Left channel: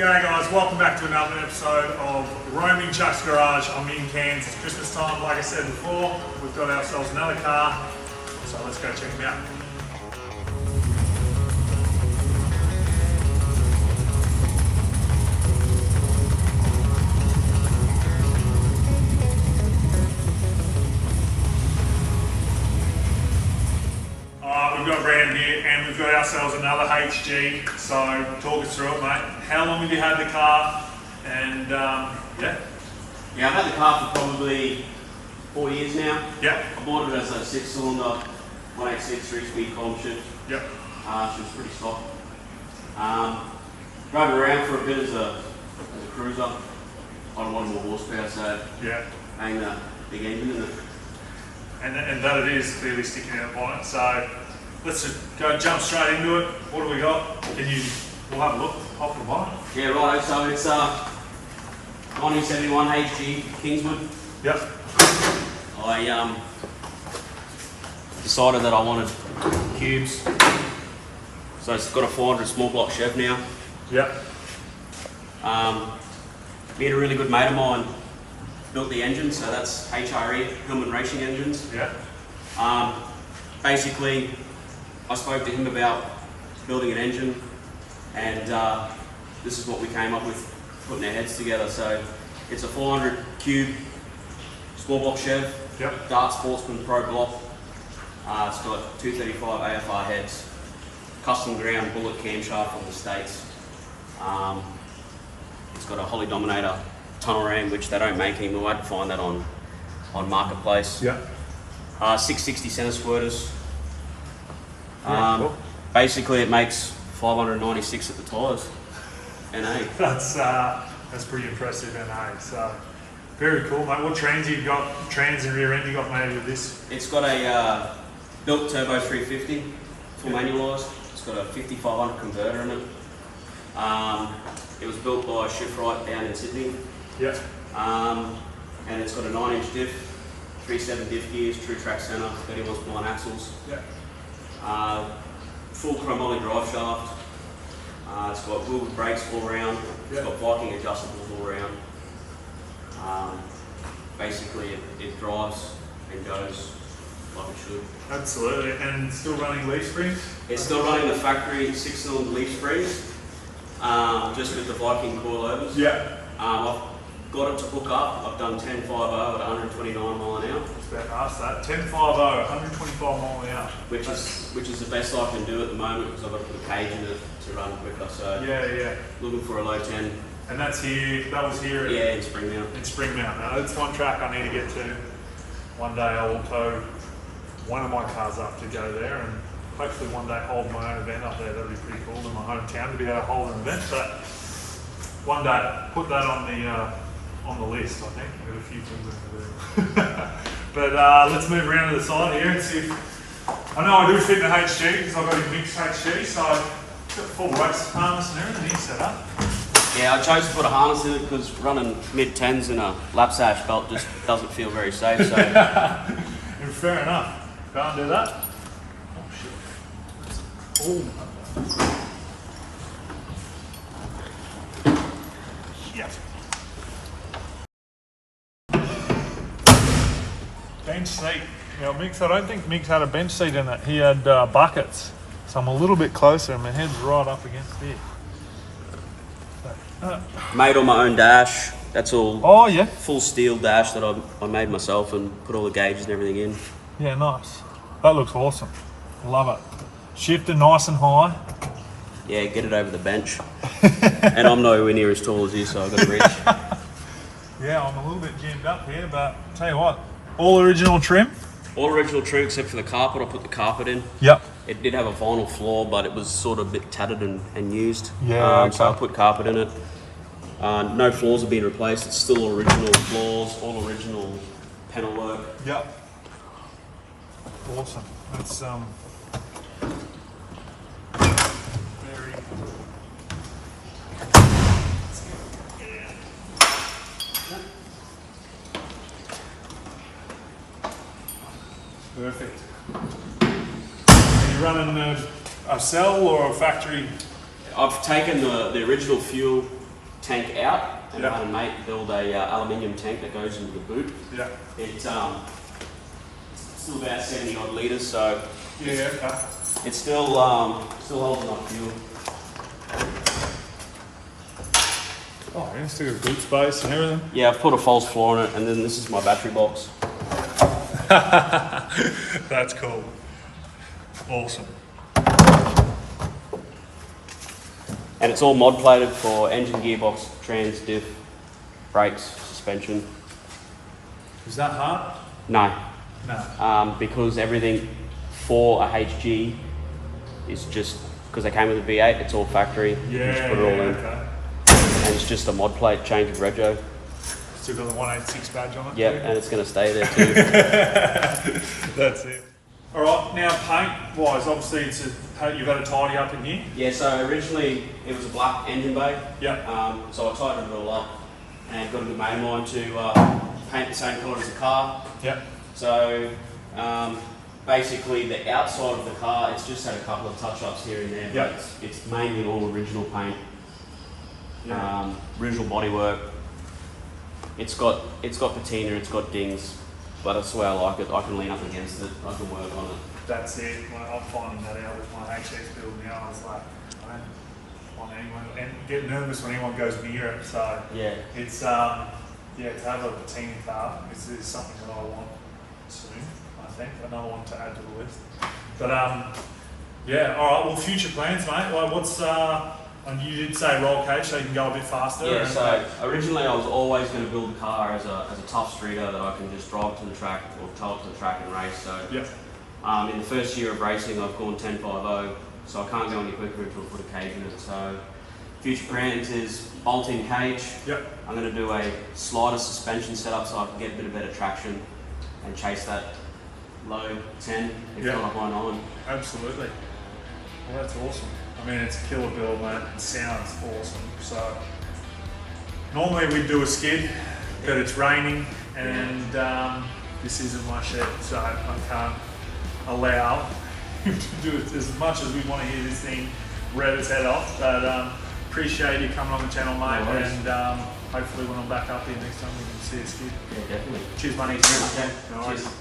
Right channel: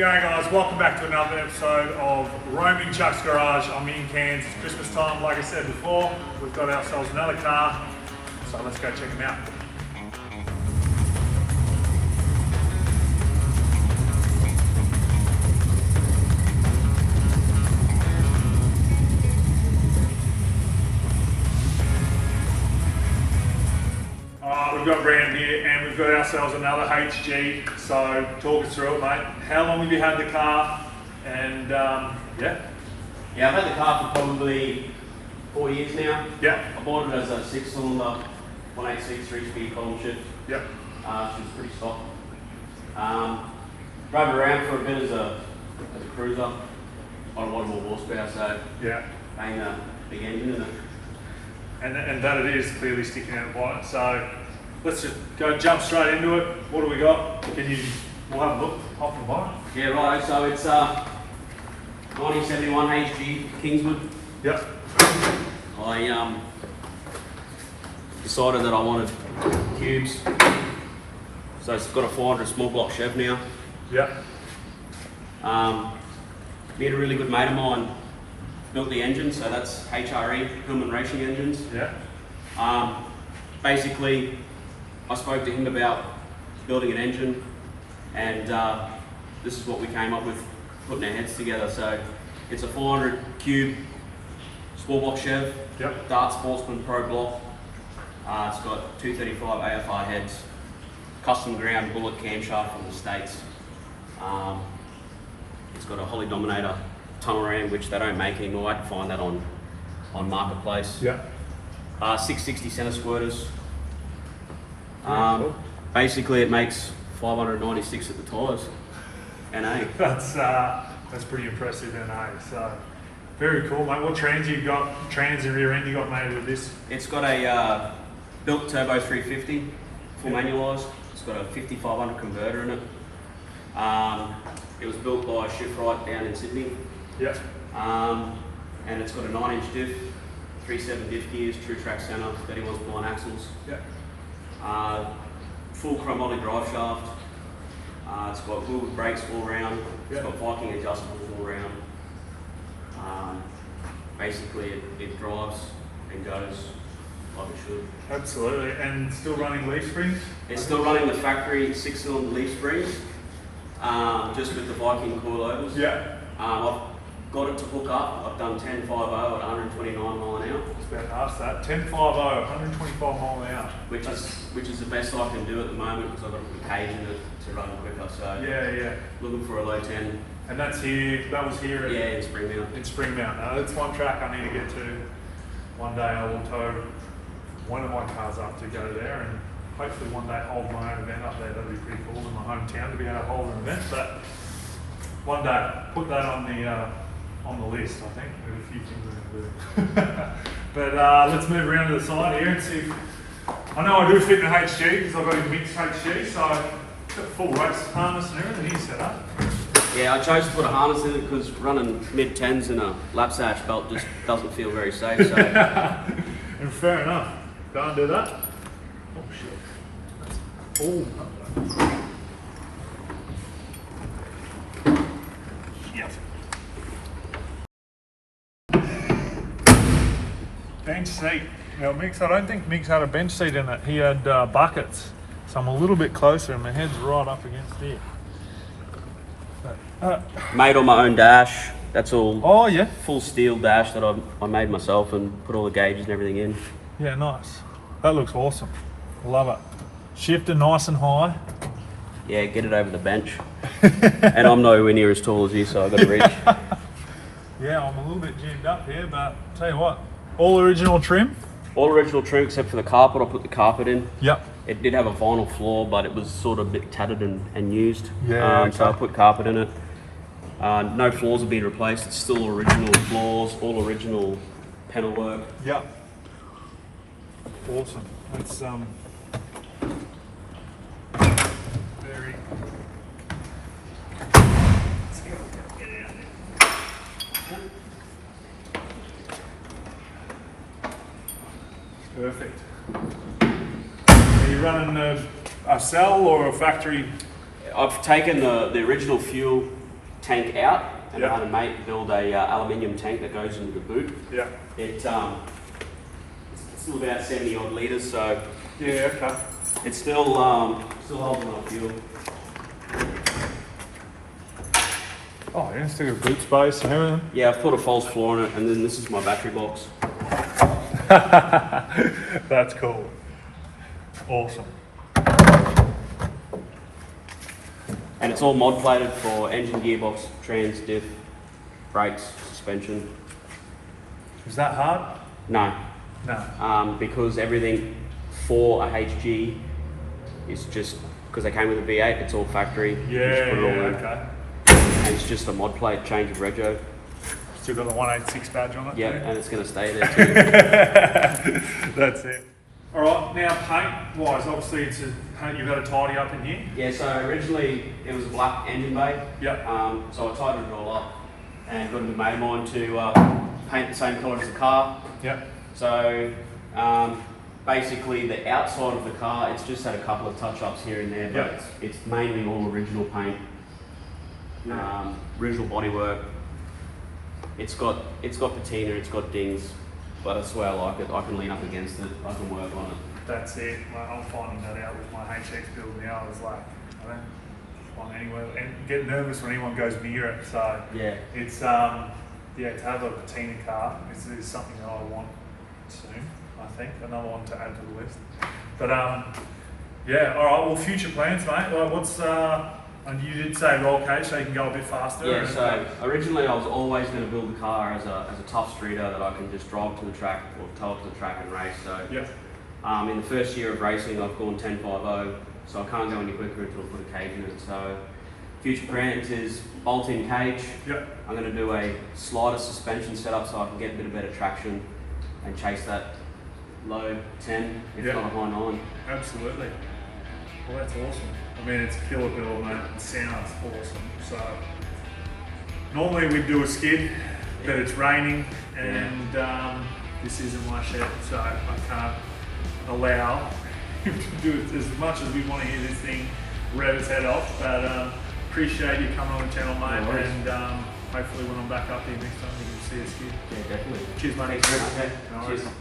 G'day guys, welcome back to another episode of Roaming Chux Garage. I'm in Cairns, it's Christmas time. Like I said before, we've got ourselves another car, so let's go check them out. We've got Brand here and we've got ourselves another HG, so talk us through it, mate. How long have you had the car? And Yeah, I've had the car for probably 4 years now. Yeah. I bought it as a 6-cylinder, 186 3-speed column shift. Yep. She was pretty stock. Drove it around for a bit as a cruiser on a lot more horsepower, so Yeah. ain't a big engine in it. And that it is clearly sticking out of bonnet. So let's just jump straight into it. What do we got? We'll have a look off the bonnet. Yeah, right. So it's 1971 HG Kingswood. Yep. I decided that I wanted cubes, so it's got a 400 small block Chev now. Yep. We had a really good mate of mine built the engine, so that's HRE, Hillman Racing Engines. Yeah. Basically, I spoke to him about building an engine, and this is what we came up with, putting our heads together. So it's a 400 cube small block Chev, Yep. Dart Sportsman Pro block. It's got 235 AFR heads, custom ground bullet camshaft from the States. It's got a Holly Dominator tunnel ram, which they don't make anymore. I had to find that on Marketplace. Yep. 660 center squirters. Cool. Basically, it makes 596 at the tyres. NA. That's pretty impressive, NA. So very cool, mate. What trans you got? Trans and rear end you got made with this? It's got a built turbo 350, full Yep. manualised. It's got a 5500 converter in it. It was built by Shiftright down in Sydney. Yep. And it's got a 9-inch diff, 3.7 diff gears, true track centre, 31 spline axles. Yep. Full chromoly drive shaft. It's got wheel with brakes all round. It's Yep. got Viking adjustables all round. Basically, it drives and goes like it should. Absolutely. And still running leaf springs? It's still running the factory 6-cylinder leaf springs, just with the Viking coilovers. Yeah. I've got it to hook up. I've done 10.50 at 129 mile an hour. I was about to ask that. 10.50, 125 mile an hour. Which is the best I can do at the moment, because I've got to put a cage in it to run quicker. So Yeah. looking for a low 10. And that was here at, Yeah, in Springmount. in Springmount. Now that's one track I need to get to. One day I will tow one of my cars up to go there, and hopefully one day hold my own event up there. That'd be pretty cool in my hometown to be able to hold an event. But one day, put that on the list. I think we've got a few things we can do. But let's move around to the side here and see if I know I do fit in the HG because I've got a mixed HG, so I've got the full race harness and everything set up. Yeah, I chose to put a harness in it because running mid-10s in a lap sash belt just doesn't feel very safe. So And fair enough. Can't do that. Oh shit. Oh. Yes. Bench seat. Now Mick's, I don't think Mick's had a bench seat in it. He had buckets. So I'm a little bit closer and my head's right up against here. made on my own dash. That's all. Oh yeah. Full steel dash that I made myself and put all the gauges and everything in. Yeah, nice. That looks awesome. Love it. Shifter nice and high. Yeah, get it over the bench. And I'm nowhere near as tall as you, so I've got to reach. Yeah, I'm a little bit gymmed up here, but tell you what, all original trim. All original trim except for the carpet. I put the carpet in. Yep. It did have a vinyl floor, but it was sort of a bit tattered and used. Yeah, okay. So I put carpet in it. No floors have been replaced. It's still original floors, all original panel work. Yep. Awesome. That's very. Perfect. Are you running a cell or a factory? I've taken the original fuel tank out, and Yeah. I had a mate build a aluminium tank that goes into the boot. Yeah. It's still about 70 odd litres, so Yeah, okay. it's still holds a lot of fuel. Oh, yeah, still got boot space and everything. Yeah, I've put a false floor in it, and then this is my battery box. That's cool. Awesome. And it's all mod plated for engine, gearbox, trans, diff, brakes, suspension. Is that hard? No, No. because everything for a HG is just, because they came with a V8, it's all factory. Yeah, Just put it yeah, on. okay. And it's just a mod plate, change of rego. Still got the 186 badge on it? Yeah, too? and it's going to stay there too. That's it. All right, now paint wise, obviously you've had a tidy up in here. Yeah, so originally it was a black engine bay. Yep. So I tidied it all up and got a good mate of mine to paint the same colour as the car. Yep. So basically the outside of the car, it's just had a couple of touch-ups here and there, but Yep. it's mainly all original paint. Yeah. Original bodywork. It's got patina, it's got dings, but I swear I like it. I can lean up against it, I can work on it. That's it. Well, I'm finding that out with my HX build now. It's like, I don't want anyone, and get nervous when anyone goes near it. So Yeah. it's, yeah, to have a patina car is something that I want soon, I think. Another one to add to the list. But yeah, all right, well, future plans, mate. Well, what's, and you did say roll cage, so you can go a bit faster. Yeah, and- so originally I was always going to build a car as a tough streeter that I can just drive to the track or tow it to the track and race. So Yep. in the first year of racing I've gone 10.50, so I can't go any quicker until I put a cage in it. So future plans is bolt-in cage. Yep. I'm going to do a slider suspension setup so I can get a bit of better traction and chase that low 10, if Yep. not a high 9. Absolutely. Well, that's awesome. I mean, it's a killer build, mate. It sounds awesome. So, normally we do a skid, but it's raining and this isn't my shed, so I can't allow to do it as much as we want to hear this thing rev its head off. But appreciate you coming on the channel, mate, No worries. and hopefully when I'm back up here next time we can see a skid. Yeah, definitely. Cheers, mate. Thanks very much, mate. No worries. Cheers.